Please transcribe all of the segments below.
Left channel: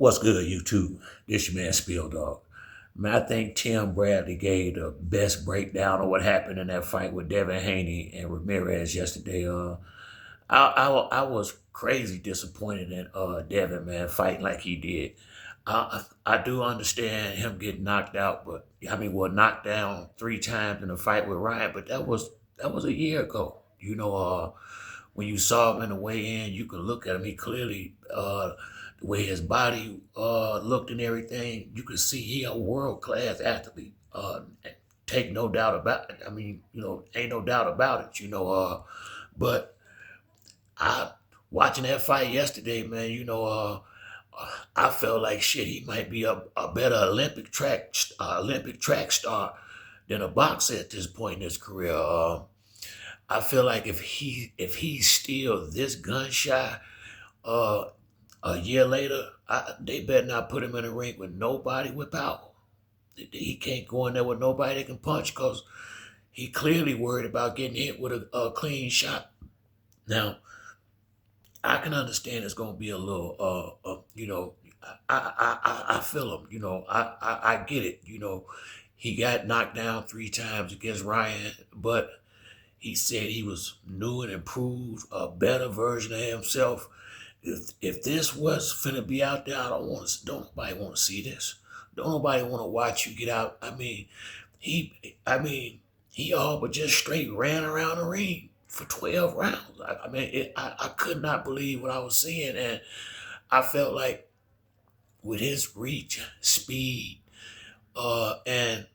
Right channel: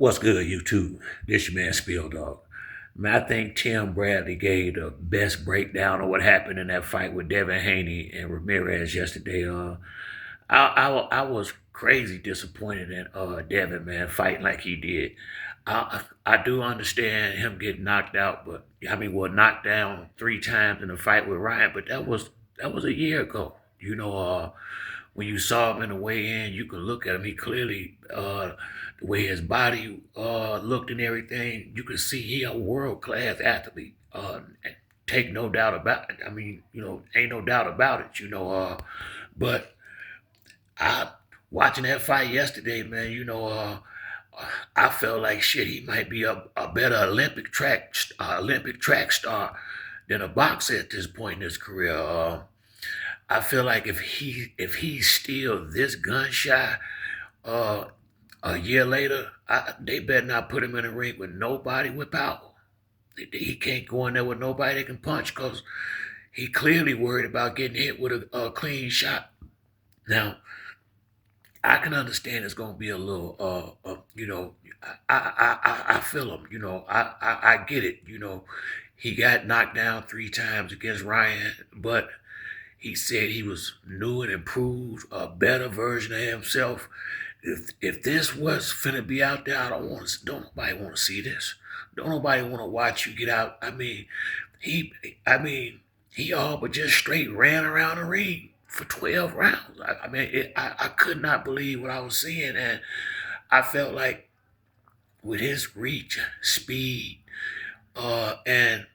What's good, YouTube? This your man Spill Dog. Man, I think Tim Bradley gave the best breakdown of what happened in that fight with Devin Haney and Ramirez yesterday. I was crazy disappointed in Devin, man, fighting like he did. I do understand him getting knocked out, but knocked down 3 times in a fight with Ryan, but that was a year ago. When you saw him in the weigh-in, you can look at him. He clearly, the way his body looked and everything, you could see he a world-class athlete. Take no doubt about it. Ain't no doubt about it. But I watching that fight yesterday, man. I felt like shit. He might be a better Olympic track star than a boxer at this point in his career. I feel like if he's still this gun shy, uh, a year later, they better not put him in a ring with nobody with power. He can't go in there with nobody that can punch because he clearly worried about getting hit with a clean shot. Now, I can understand it's gonna be a little, I feel him. I get it. He got knocked down 3 times against Ryan, but he said he was new and improved, a better version of himself. If this was finna be out there, don't nobody want to see this. Don't nobody want to watch you get out. He, he all but just straight ran around the ring for 12 rounds. I could not believe what I was seeing, and I felt like with his reach, speed, and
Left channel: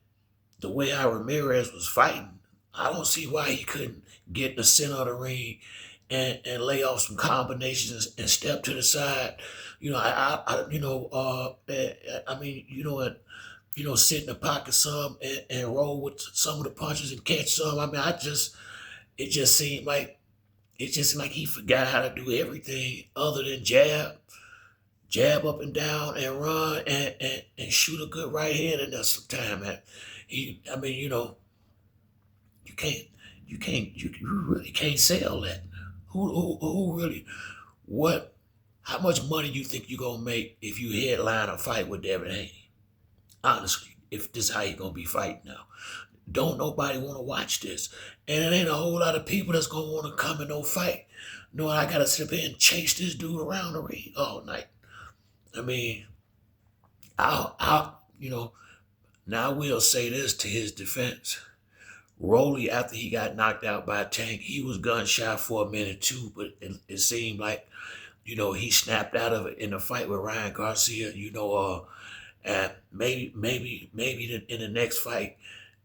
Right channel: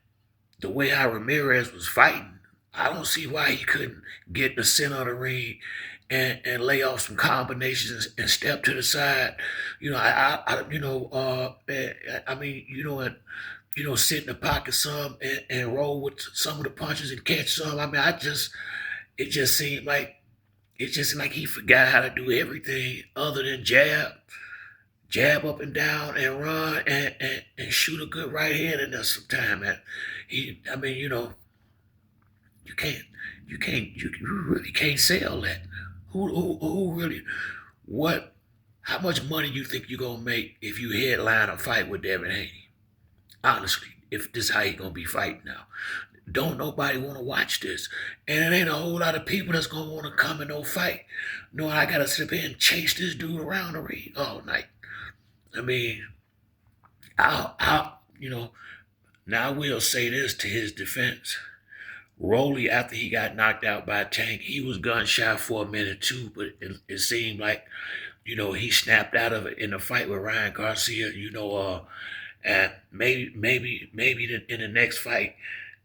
the way how Ramirez was fighting, I don't see why he couldn't get in the center of the ring and lay off some combinations and step to the side. Sit in the pocket some and roll with some of the punches and catch some. It just seemed like he forgot how to do everything other than jab up and down and run and shoot a good right hand in there sometime. Man. You can't, you really can't sell that. Who really, what, how much money you think you're gonna make if you headline a fight with Devin Haney? Honestly, if this is how you gonna be fighting now. Don't nobody wanna watch this. And it ain't a whole lot of people that's gonna wanna come and no fight. No, I gotta sit up here and chase this dude around the ring all night. I mean, now I will say this to his defense. Rolly, after he got knocked out by Tank, he was gun shy for a minute too, but it seemed like, he snapped out of it in the fight with Ryan Garcia, and maybe in the next fight,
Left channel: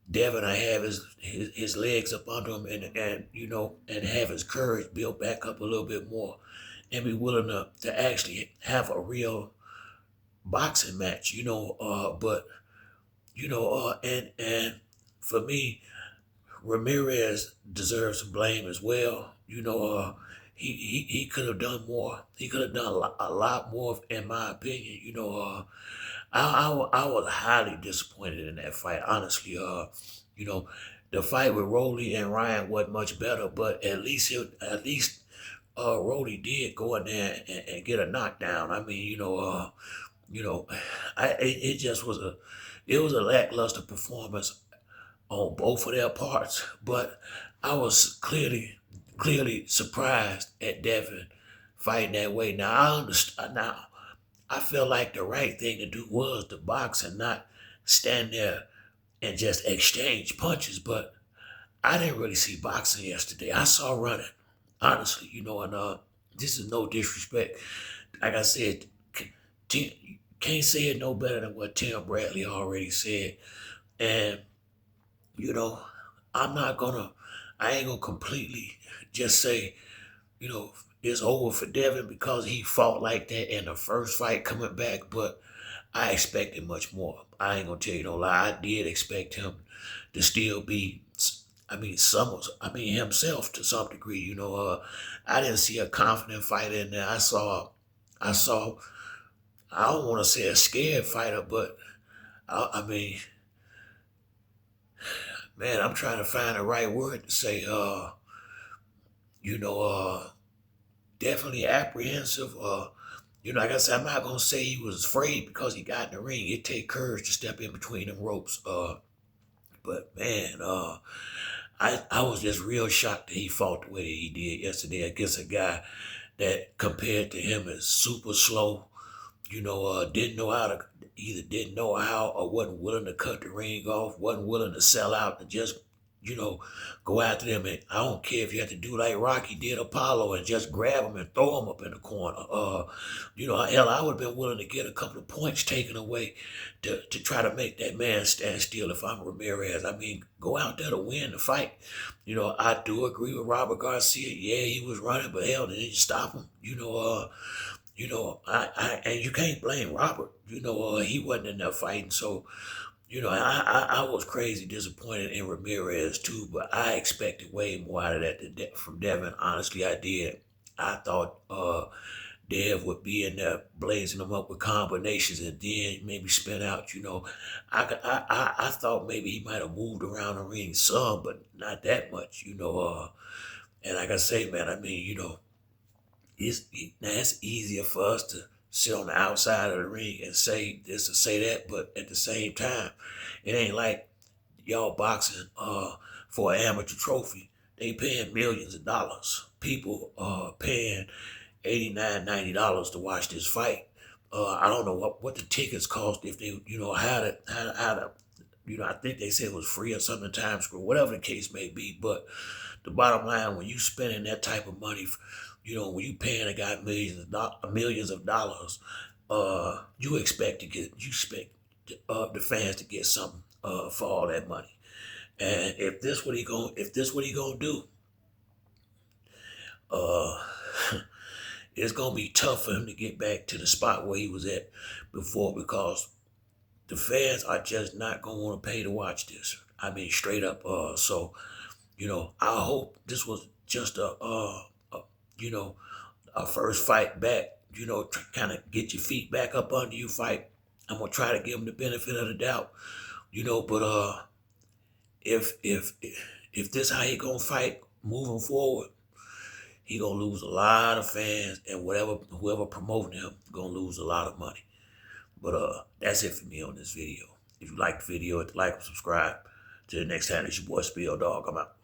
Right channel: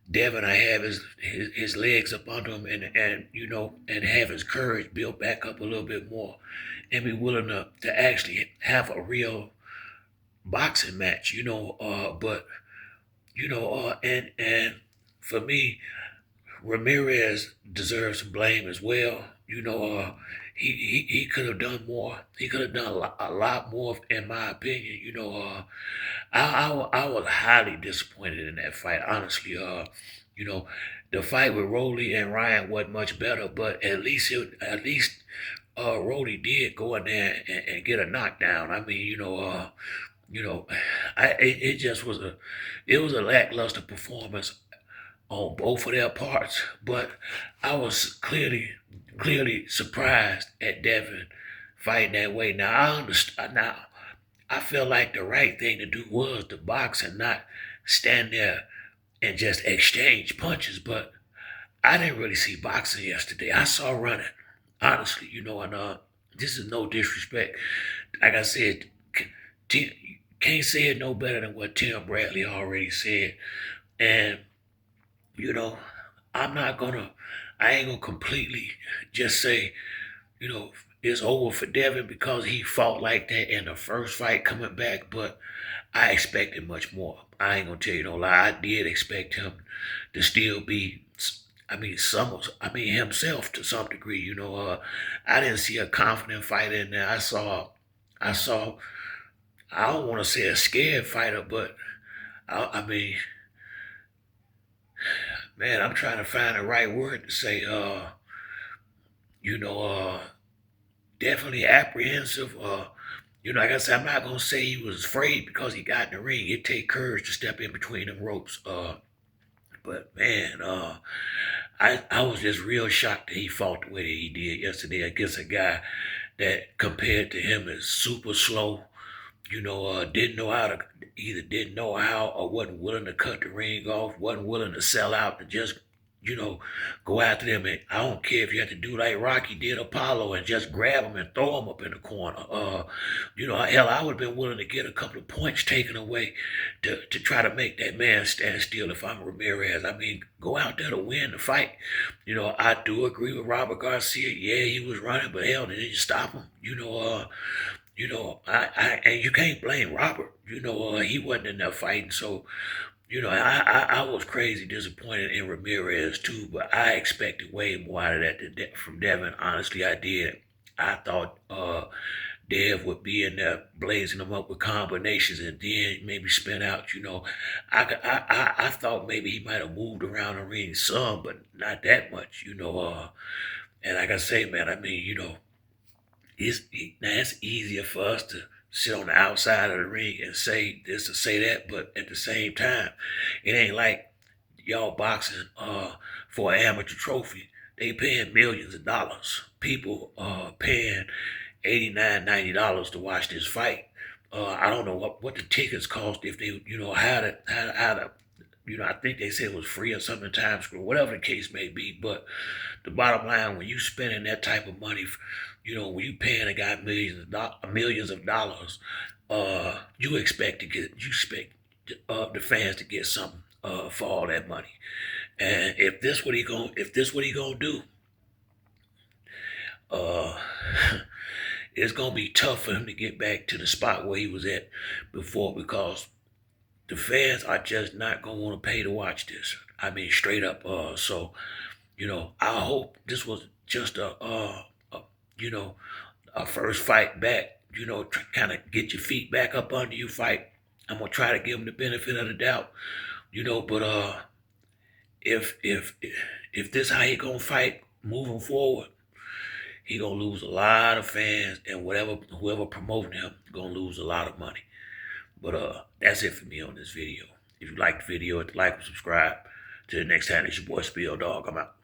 Devin will have his legs up under him and have his courage built back up a little bit more and be willing to actually have a real boxing match, and for me, Ramirez deserves some blame as well. He could have done more. He could have done a lot more, in my opinion. I was highly disappointed in that fight. Honestly, the fight with Rolly and Ryan wasn't much better, but Rolly did go in there and get a knockdown. You know, it just was a lackluster performance on both of their parts. But I was clearly surprised at Devin fighting that way. Now I understand. Now I feel like the right thing to do was to box and not stand there and just exchange punches. But I didn't really see boxing yesterday. I saw running, honestly. And this is no disrespect. Like I said, can't say it no better than what Tim Bradley already said. And you know, I'm not gonna, I ain't gonna completely just say, it's over for Devin because he fought like that in the first fight coming back, but I expected much more. I ain't gonna tell you no lie. I did expect him to still be, himself to some degree. I didn't see a confident fighter in there. I saw, I don't want to say a scared fighter, but I, I mean, man, I'm trying to find the right word to say. You know, definitely apprehensive. Like I said, I'm not gonna say he was afraid because he got in the ring. It take courage to step in between them ropes. But man, I was just real shocked that he fought the way that he did yesterday against a guy that compared to him is super slow. Didn't know how to either didn't know how or wasn't willing to cut the ring off, wasn't willing to sell out and just, you know, go after them. And I don't care if you had to do like Rocky did Apollo and just grab him and throw him up in the corner. Hell, I would have been willing to get a couple of points taken away to try to make that man stand still if I'm Ramirez. I mean, go out there to win the fight. I do agree with Robert Garcia. Yeah, he was running, but hell, they didn't stop him. And you can't blame Robert. He wasn't in there fighting. So, I was crazy disappointed in Ramirez too, but I expected way more out of that from Devin. Honestly, I did. I thought Dev would be in there blazing them up with combinations and then maybe spin out. I thought maybe he might have moved around the ring some, but not that much. And like I say, man, I mean, now it's easier for us to sit on the outside of the ring and say this or say that, but at the same time, it ain't like y'all boxing for an amateur trophy. They paying millions of dollars. People paying $89, $90 to watch this fight. I don't know what the tickets cost if they how to I think they said it was free or something in Times Square, whatever the case may be. But the bottom line, when you spending that type of money, when you paying a guy millions of dollars, you expect the fans to get something for all that money. And if this what he gonna do, uh, it's gonna be tough for him to get back to the spot where he was at before because the fans are just not gonna want to pay to watch this. I mean, straight up. I hope this was just you know, a first fight back. Kind of get your feet back up under you. Fight. I'm gonna try to give him the benefit of the doubt. But if this how he gonna fight moving forward, he gonna lose a lot of fans, and whoever promoting him gonna lose a lot of money. But that's it for me on this video. If you like the video, hit the like and subscribe. Till the next time, it's your boy Spill Dog. I'm out.